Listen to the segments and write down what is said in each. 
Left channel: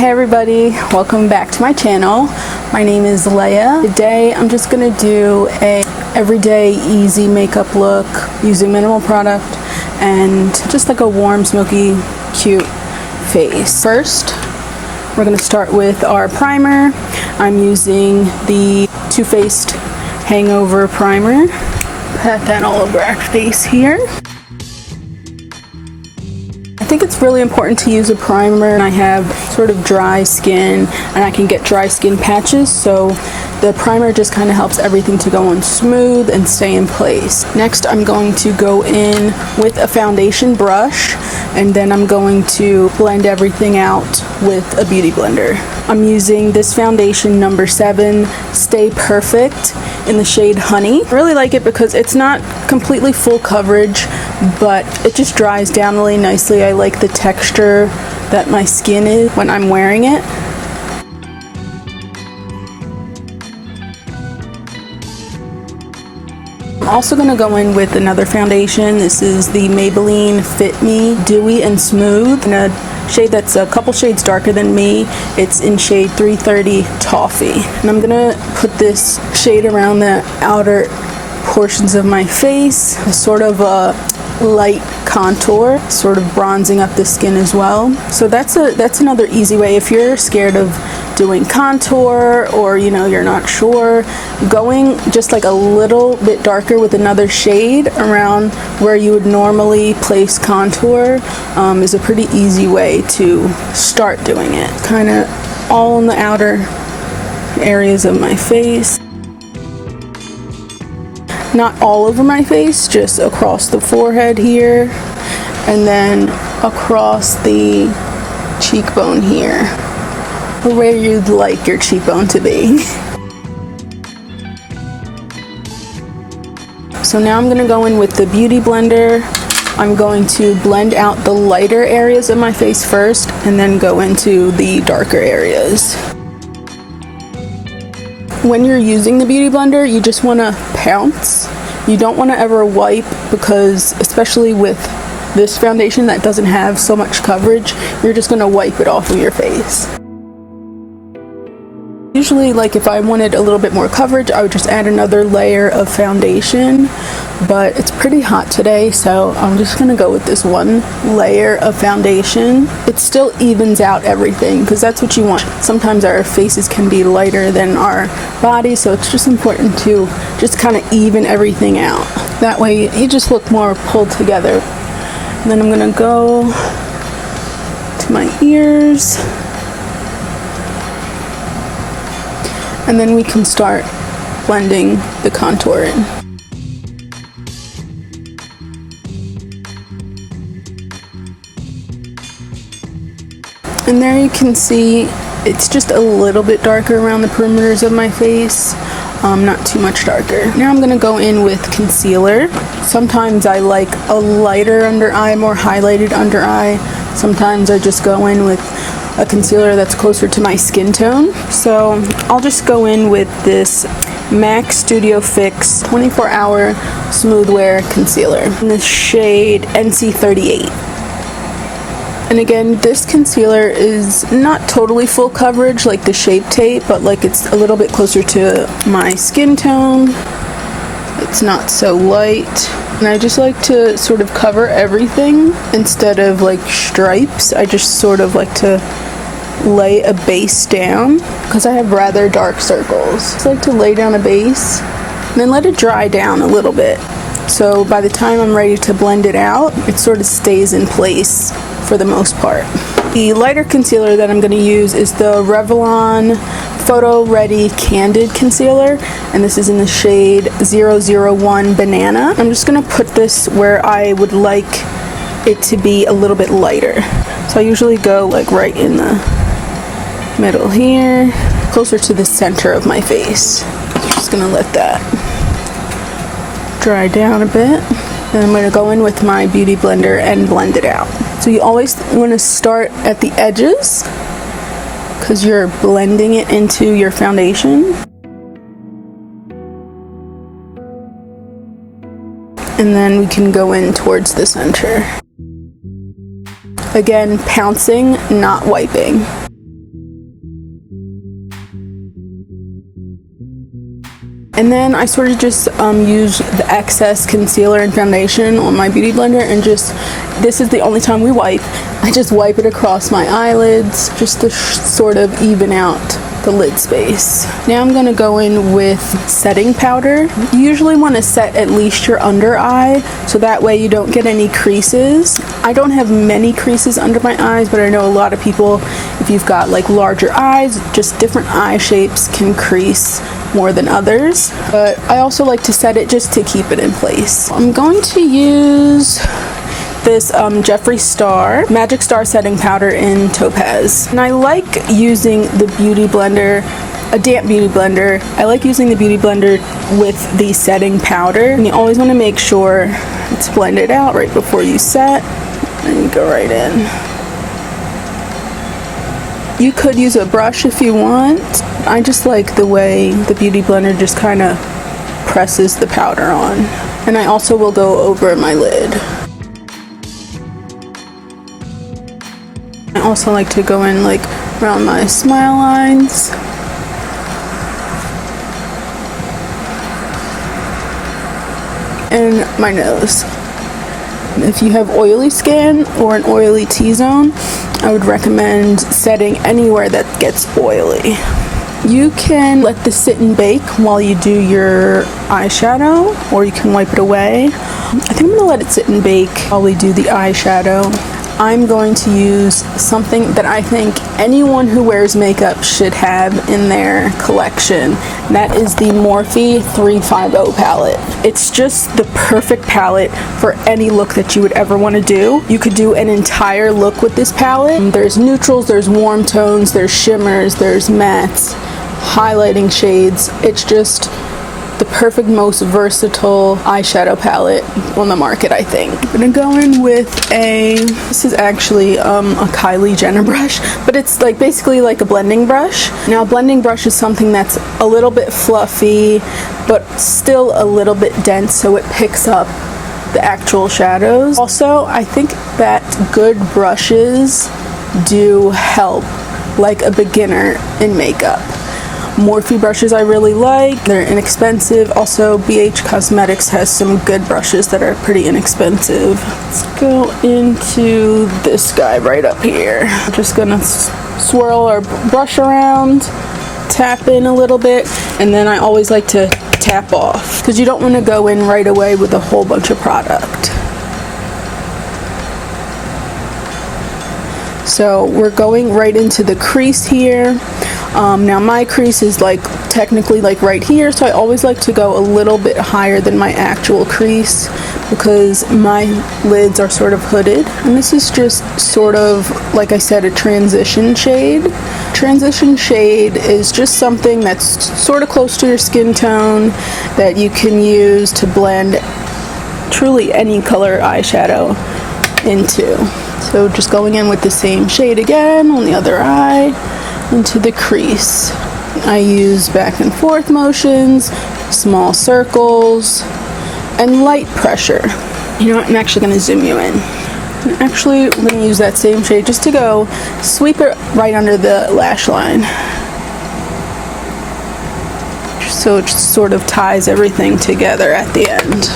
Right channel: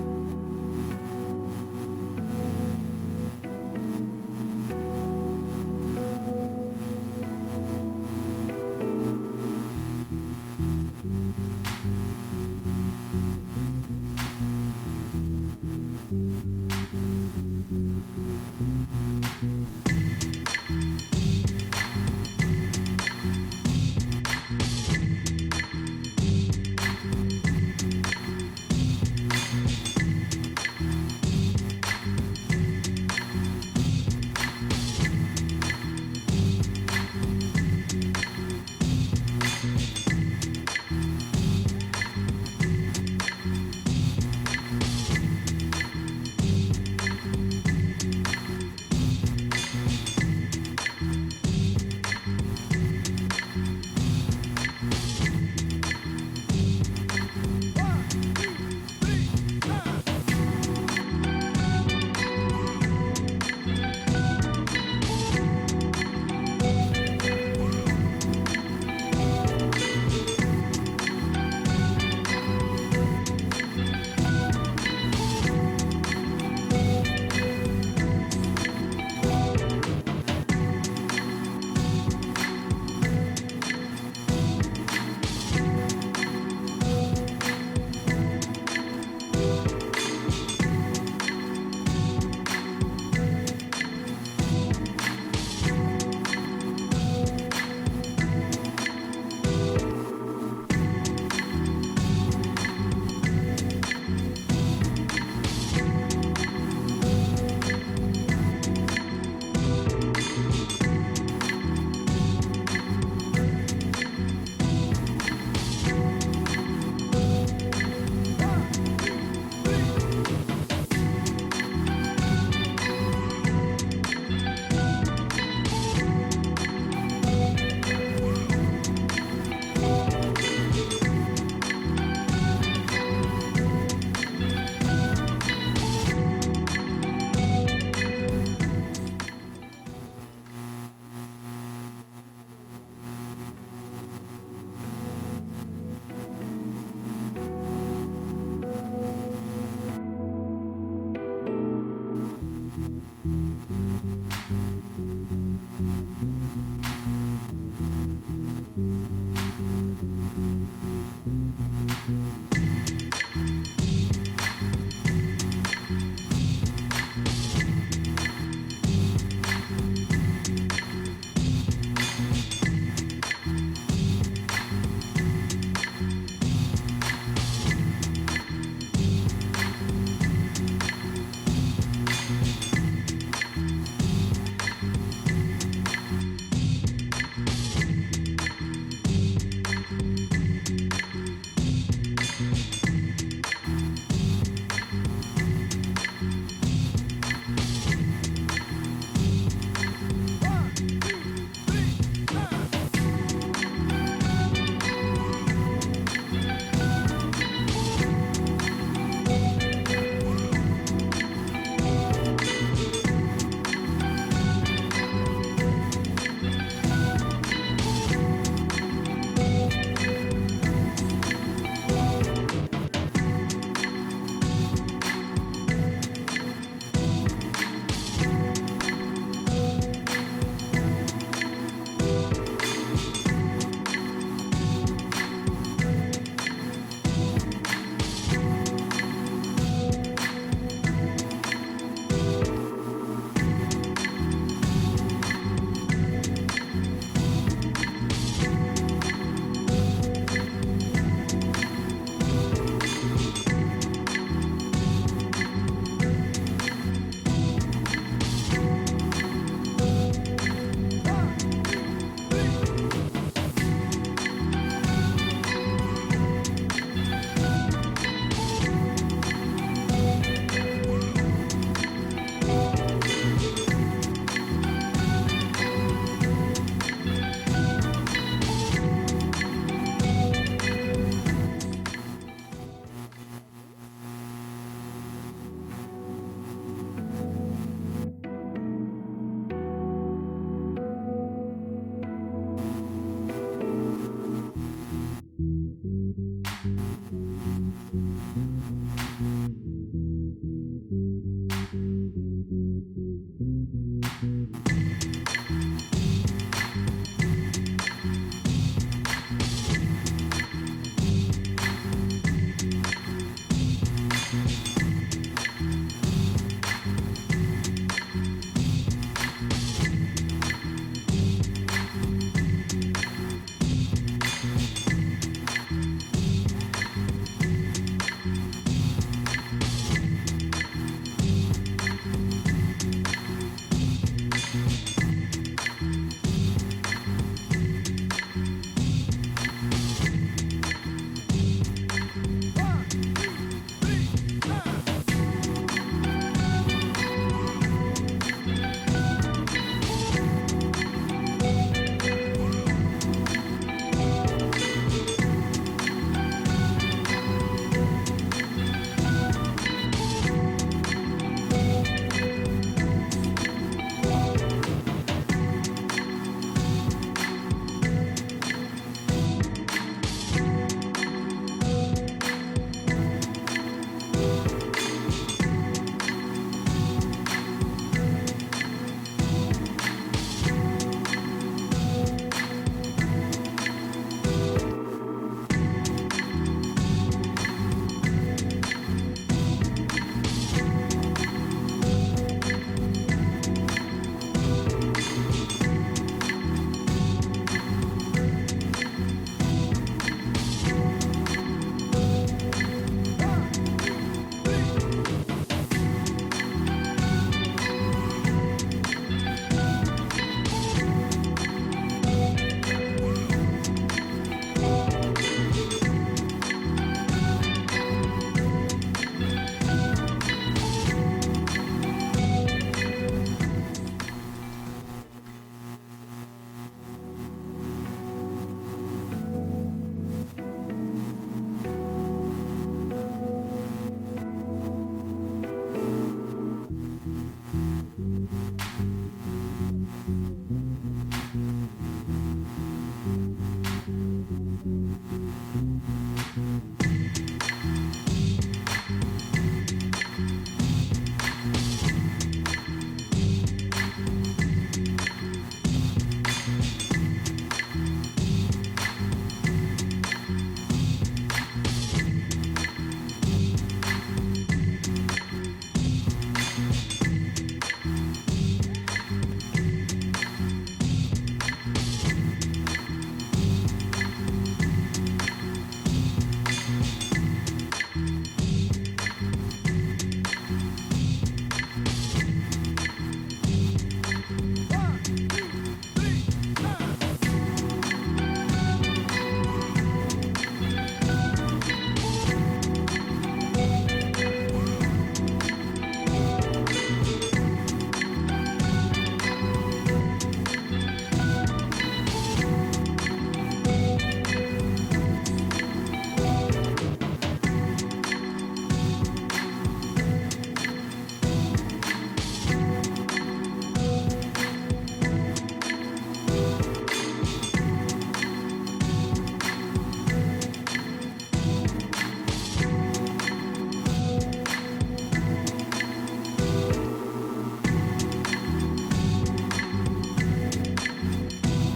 Hey everybody, welcome back to my channel. My name is Leah. Today I'm just gonna do a everyday easy makeup look using minimal product and just like a warm, smoky, cute face. First, we're gonna start with our primer. I'm using the Too Faced Hangover Primer. Pat that all over our face here. I think it's really important to use a primer, and I have sort of dry skin and I can get dry skin patches, so the primer just kind of helps everything to go on smooth and stay in place. Next, I'm going to go in with a foundation brush, and then I'm going to blend everything out with a beauty blender. I'm using this foundation number 7 Stay Perfect in the shade Honey. I really like it because it's not completely full coverage, but it just dries down really nicely. I like the texture that my skin is when I'm wearing it. I'm also going to go in with another foundation. This is the Maybelline Fit Me Dewy and Smooth in a shade that's a couple shades darker than me. It's in shade 330 Toffee. And I'm going to put this shade around the outer portions of my face, sort of a light contour, sort of bronzing up the skin as well. So that's another easy way if you're scared of doing contour, or you're not sure, going just like a little bit darker with another shade around where you would normally place contour is a pretty easy way to start doing it. Kind of all in the outer areas of my face. Not all over my face, just across the forehead here, and then across the cheekbone here, or where you'd like your cheekbone to be. So now I'm going to go in with the beauty blender. I'm going to blend out the lighter areas of my face first, and then go into the darker areas. When you're using the beauty blender, you just want to pounce. You don't want to ever wipe, because especially with this foundation that doesn't have so much coverage, you're just going to wipe it off of your face. Usually, like if I wanted a little bit more coverage, I would just add another layer of foundation, but it's pretty hot today, so I'm just gonna go with this one layer of foundation. It still evens out everything, because that's what you want. Sometimes our faces can be lighter than our bodies, so it's just important to just kind of even everything out. That way you just look more pulled together. And then I'm gonna go to my ears. And then we can start blending the contour in. And there you can see it's just a little bit darker around the perimeters of my face, not too much darker. Now I'm going to go in with concealer. Sometimes I like a lighter under eye, more highlighted under eye. Sometimes I just go in with a concealer that's closer to my skin tone. So I'll just go in with this MAC Studio Fix 24-hour Smooth Wear Concealer in the shade NC38. And again, this concealer is not totally full coverage like the Shape Tape, but like it's a little bit closer to my skin tone. It's not so light. And I just like to sort of cover everything instead of like stripes. I just sort of like to lay a base down because I have rather dark circles. I just like to lay down a base and then let it dry down a little bit. So by the time I'm ready to blend it out, it sort of stays in place for the most part. The lighter concealer that I'm going to use is the Revlon Photo Ready Candid Concealer, and this is in the shade 001 Banana. I'm just going to put this where I would like it to be a little bit lighter. So I usually go like right in the middle here, closer to the center of my face. Just going to let that dry down a bit. Then I'm going to go in with my beauty blender and blend it out. So you always want to start at the edges because you're blending it into your foundation. And then we can go in towards the center. Again, pouncing, not wiping. And then I sort of just use the excess concealer and foundation on my beauty blender, and just, this is the only time we wipe. I just wipe it across my eyelids just to sort of even out the lid space. Now I'm gonna go in with setting powder. You usually want to set at least your under eye, so that way you don't get any creases. I don't have many creases under my eyes, but I know a lot of people, if you've got like larger eyes, just different eye shapes can crease more than others. But I also like to set it just to keep it in place. I'm going to use this Jeffree Star Magic Star setting powder in Topaz, and I like using the beauty blender, a damp beauty blender. I like using the beauty blender with the setting powder, and you always want to make sure it's blended out right before you set, and you go right in. You could use a brush if you want. I just like the way the beauty blender just kind of presses the powder on, and I also will go over my lid. I also like to go in like around my smile lines. And my nose. If you have oily skin or an oily T-zone, I would recommend setting anywhere that gets oily. You can let this sit and bake while you do your eyeshadow, or you can wipe it away. I think I'm gonna let it sit and bake while we do the eyeshadow. I'm going to use something that I think anyone who wears makeup should have in their collection. And that is the Morphe 350 palette. It's just the perfect palette for any look that you would ever want to do. You could do an entire look with this palette. There's neutrals, there's warm tones, there's shimmers, there's mattes, highlighting shades. It's just the perfect, most versatile eyeshadow palette on the market, I think. I'm gonna go in with this is actually a Kylie Jenner brush, but it's like basically like a blending brush. Now, a blending brush is something that's a little bit fluffy, but still a little bit dense, so it picks up the actual shadows. Also, I think that good brushes do help like a beginner in makeup. Morphe brushes I really like. They're inexpensive. Also, BH Cosmetics has some good brushes that are pretty inexpensive. Let's go into this guy right up here. I'm just gonna swirl our brush around, tap in a little bit, and then I always like to tap off because you don't want to go in right away with a whole bunch of product. So we're going right into the crease here. Now my crease is like technically like right here, so I always like to go a little bit higher than my actual crease because my lids are sort of hooded. And this is just sort of, like I said, a transition shade. Transition shade is just something that's sort of close to your skin tone that you can use to blend truly any color eyeshadow into. So just going in with the same shade again on the other eye into the crease. I use back and forth motions, small circles, and light pressure. You know what, I'm actually gonna zoom you in. I'm actually gonna use that same shade just to go sweep it right under the lash line. So it just sort of ties everything together at the end.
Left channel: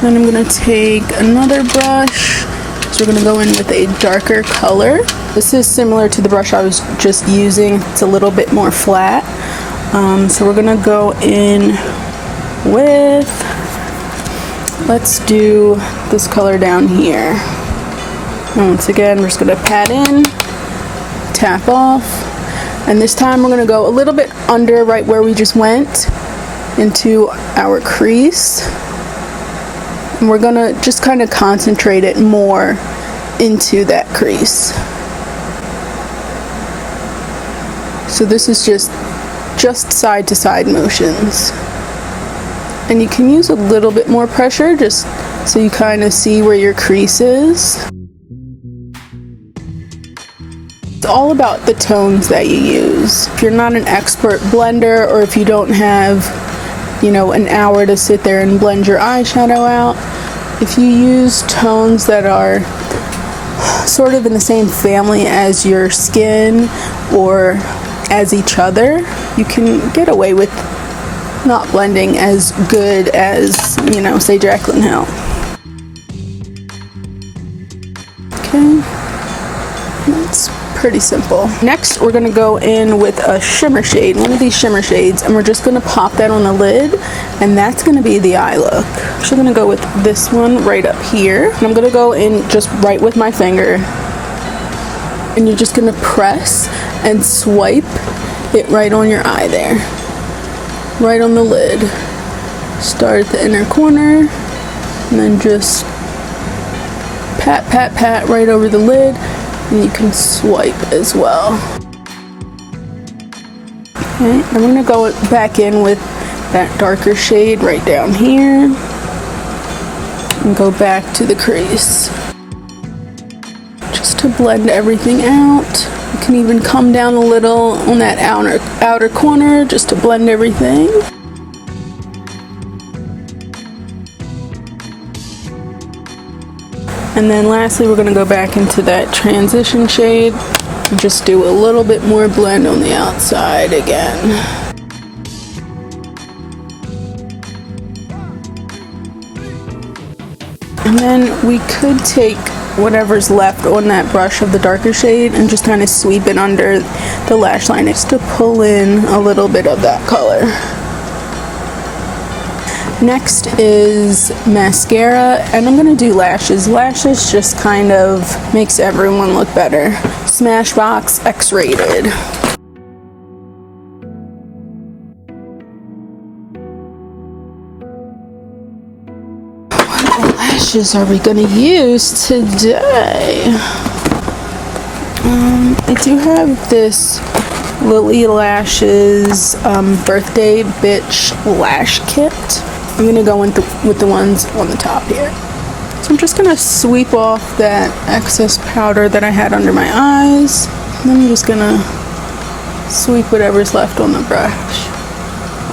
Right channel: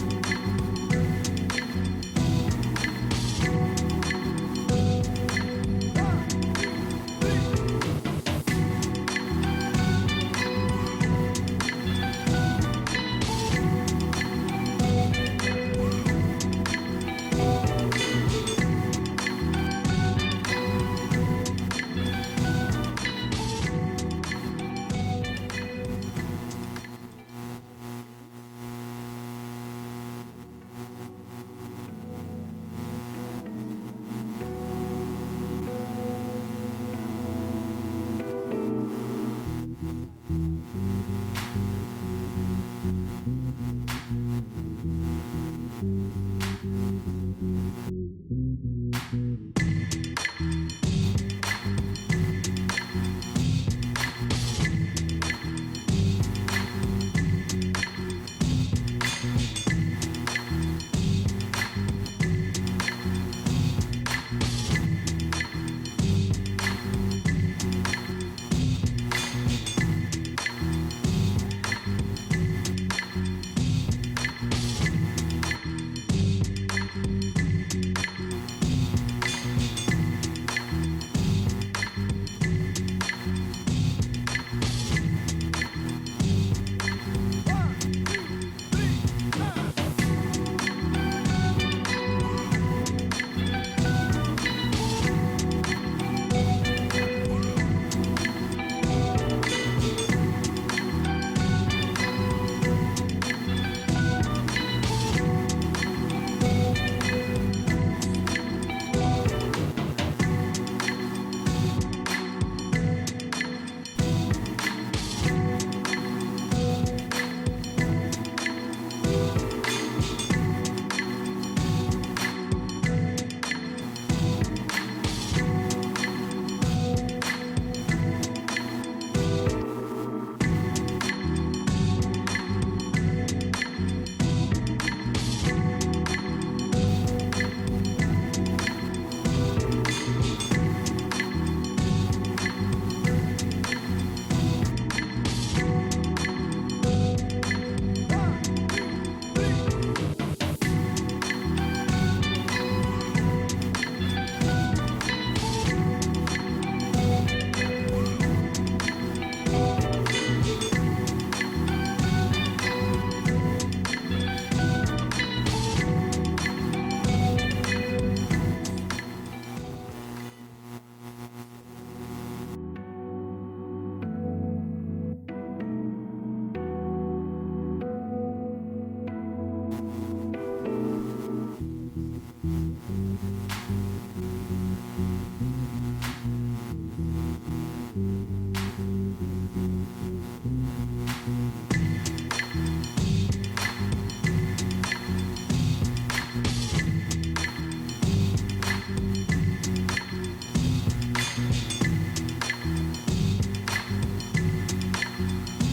Then I'm going to take another brush, so we're going to go in with a darker color. This is similar to the brush I was just using. It's a little bit more flat. So we're going to go in with, let's do this color down here. And once again, we're just going to pat in, tap off, and this time we're going to go a little bit under right where we just went into our crease. And we're gonna just kind of concentrate it more into that crease. So this is just side to side motions. And you can use a little bit more pressure just so you kind of see where your crease is. It's all about the tones that you use. If you're not an expert blender, or if you don't have, you know, an hour to sit there and blend your eyeshadow out, if you use tones that are sort of in the same family as your skin or as each other, you can get away with not blending as good as, you know, say Jaclyn Hill. Okay, that's pretty simple. Next, we're gonna go in with a shimmer shade, one of these shimmer shades, and we're just gonna pop that on the lid, and that's gonna be the eye look. I'm actually gonna go with this one right up here, and I'm gonna go in just right with my finger, and you're just gonna press and swipe it right on your eye there, right on the lid. Start at the inner corner, and then just pat, pat, pat right over the lid, and you can swipe as well. Okay, I'm gonna go back in with that darker shade right down here, and go back to the crease. Just to blend everything out. You can even come down a little on that outer corner just to blend everything. And then lastly, we're gonna go back into that transition shade and just do a little bit more blend on the outside again. And then we could take whatever's left on that brush of the darker shade and just kind of sweep it under the lash line just to pull in a little bit of that color. Next is mascara, and I'm gonna do lashes. Lashes just kind of makes everyone look better. Smashbox X-Rated. What lashes are we gonna use today? I do have this Lily Lashes Birthday Bitch Lash Kit. I'm gonna go in with the ones on the top here. So I'm just gonna sweep off that excess powder that I had under my eyes. And then I'm just gonna sweep whatever's left on the brush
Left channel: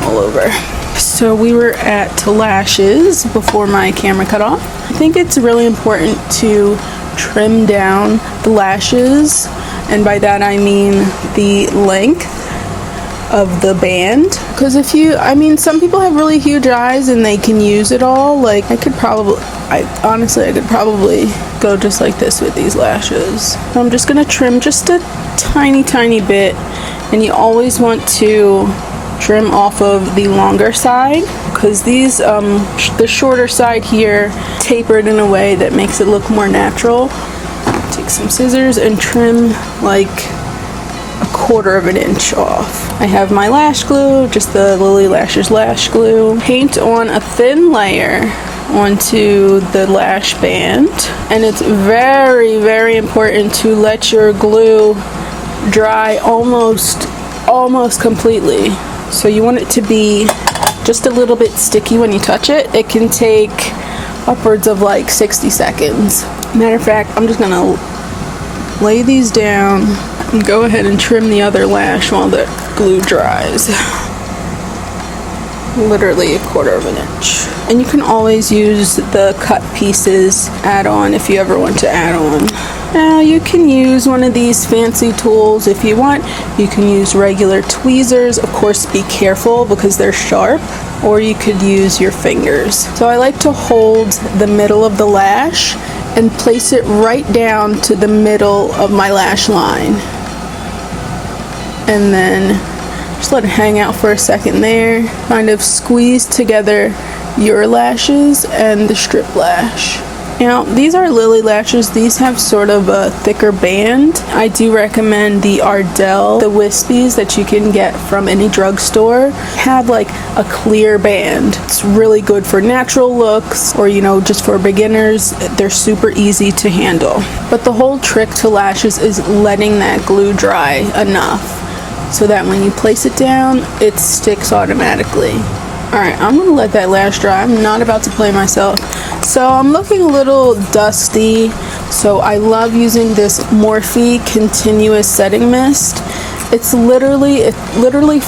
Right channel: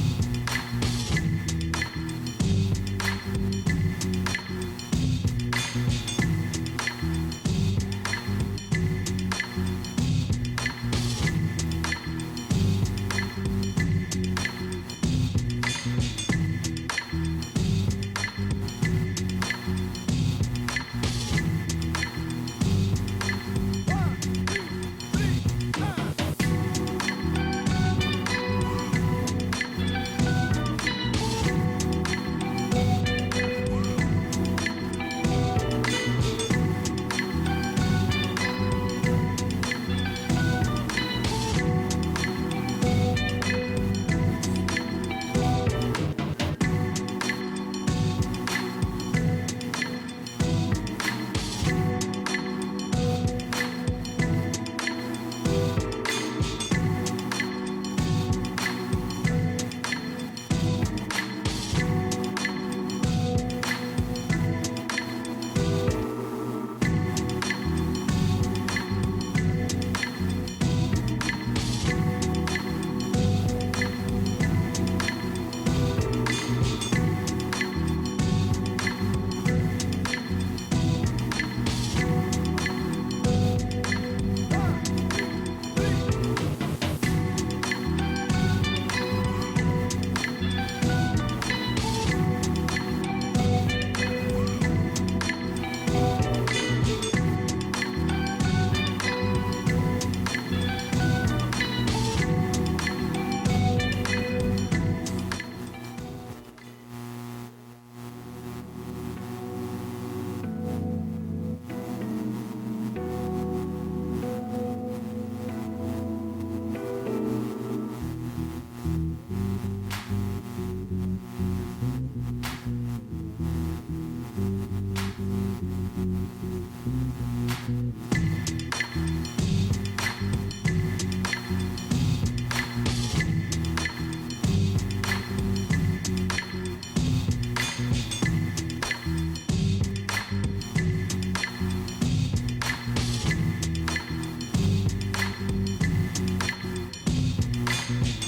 all over. So we were at lashes before my camera cut off. I think it's really important to trim down the lashes, and by that I mean the length of the band, because if you, I mean, some people have really huge eyes and they can use it all. Like I could probably go just like this with these lashes. So I'm just gonna trim just a tiny bit, and you always want to trim off of the longer side, because these the shorter side here tapered in a way that makes it look more natural. Take some scissors and trim like 1/4 of an inch off. I have my lash glue, just the Lily Lashes lash glue. Paint on a thin layer onto the lash band, and it's very important to let your glue dry almost completely. So you want it to be just a little bit sticky when you touch it. It can take upwards of like 60 seconds. Matter of fact, I'm just gonna lay these down and go ahead and trim the other lash while the glue dries. Literally 1/4 of an inch. And you can always use the cut pieces add-on if you ever want to add on. Now you can use one of these fancy tools if you want. You can use regular tweezers. Of course, be careful because they're sharp. Or you could use your fingers. So I like to hold the middle of the lash and place it right down to the middle of my lash line. And then just let it hang out for a second there. Kind of squeeze together your lashes and the strip lash. Now, these are Lily Lashes. These have sort of a thicker band. I do recommend the Ardell, the wispies that you can get from any drugstore. Have like a clear band. It's really good for natural looks, or you know, just for beginners. They're super easy to handle. But the whole trick to lashes is letting that glue dry enough so that when you place it down, it sticks automatically. Alright, I'm gonna let that lash dry. I'm not about to play myself. So I'm looking a little dusty, so I love using this Morphe Continuous Setting Mist. It literally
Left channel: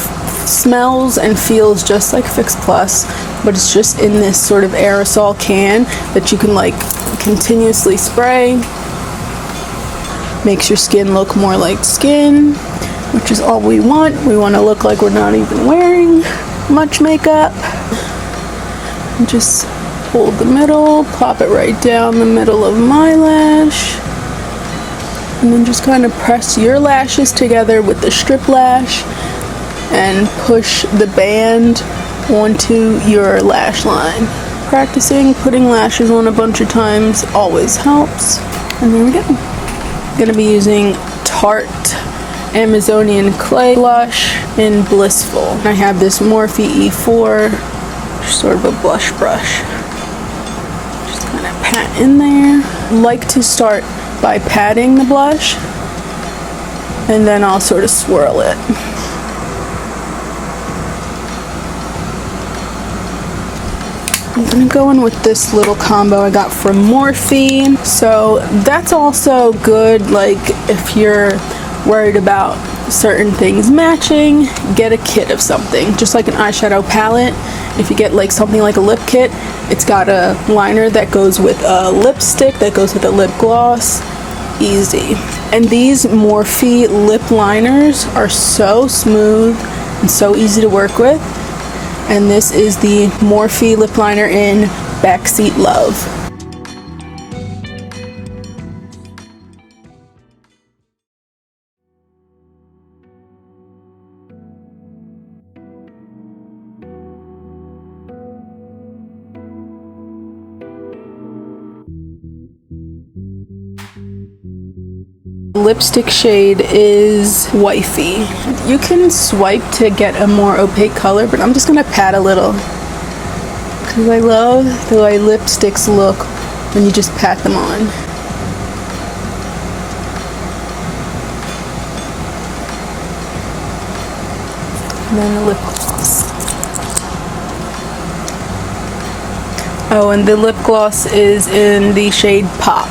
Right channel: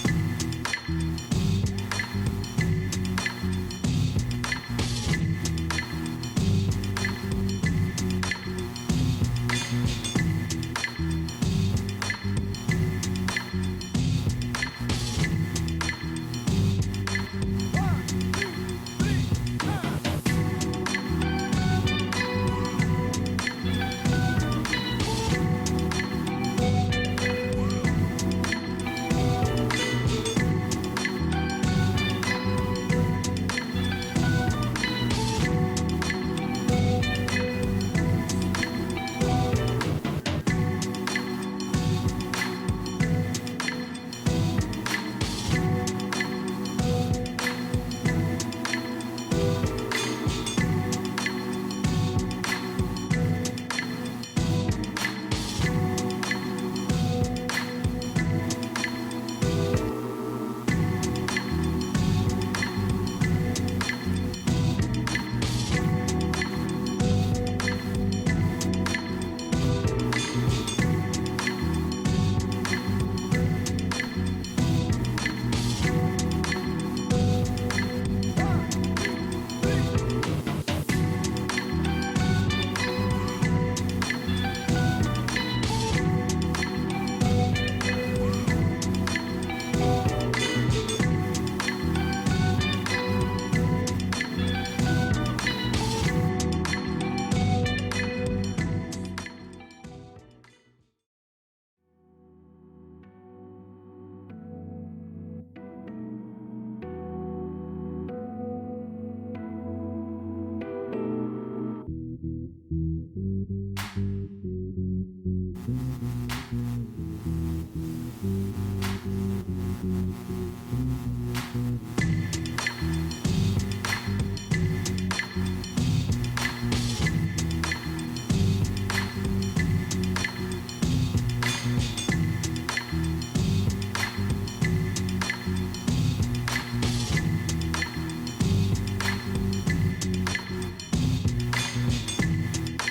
smells and feels just like Fix Plus, but it's just in this sort of aerosol can that you can like continuously spray. Makes your skin look more like skin, which is all we want. We want to look like we're not even wearing much makeup. And just hold the middle, plop it right down the middle of my lash. And then just kind of press your lashes together with the strip lash and push the band onto your lash line. Practicing putting lashes on a bunch of times always helps. And there we go. I'm gonna be using Tarte Amazonian Clay Blush in Blissful. I have this Morphe E4, sort of a blush brush. Just kind of pat in there. Like to start by patting the blush, and then I'll sort of swirl it. I'm gonna go in with this little combo I got from Morphe. So that's also good, like if you're worried about certain things matching, get a kit of something, just like an eyeshadow palette. If you get like something like a lip kit, it's got a liner that goes with a lipstick, that goes with a lip gloss. Easy. And these Morphe lip liners are so smooth and so easy to work with. And this is the Morphe lip liner in Backseat Love. Lipstick shade is Wifey. You can swipe to get a more opaque color, but I'm just gonna pat a little because I love the way lipsticks look when you just pat them on. And then the lip gloss. Oh, and the lip gloss is in the shade Pop.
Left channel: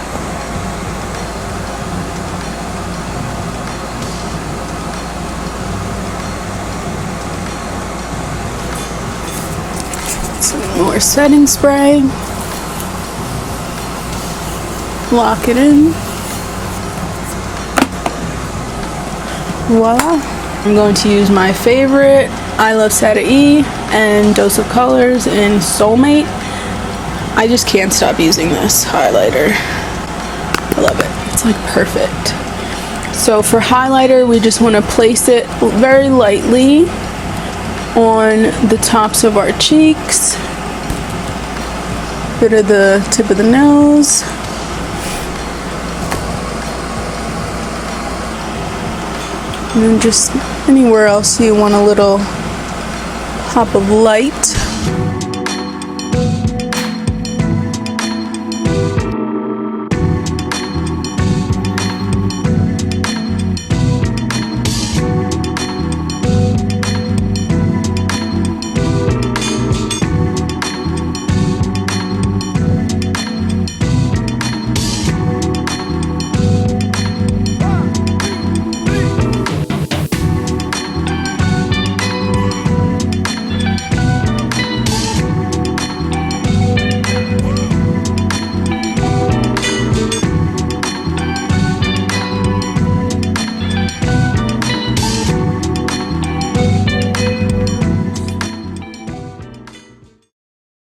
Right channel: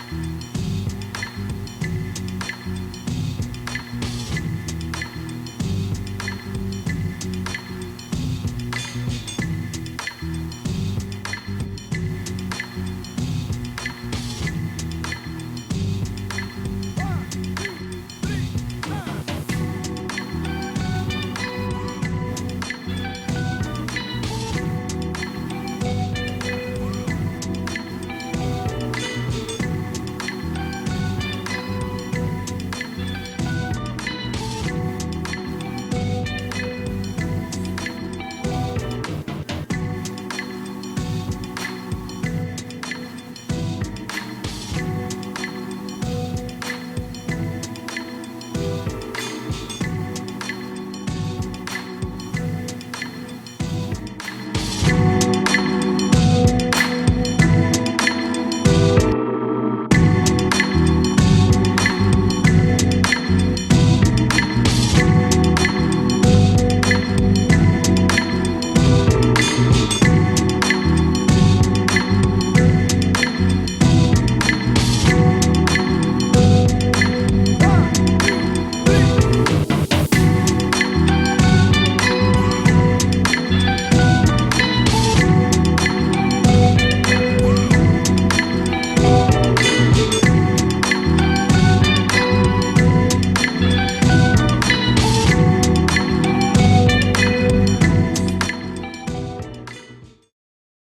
More setting spray. Lock it in. Voila. I'm going to use my favorite I Love Sata E and Dose of Colors in Soulmate. I just can't stop using this highlighter. I love it. It's like perfect. So for highlighter, we just want to place it very lightly on the tops of our cheeks. Bit of the tip of the nose. And then just anywhere else you want a little pop of light.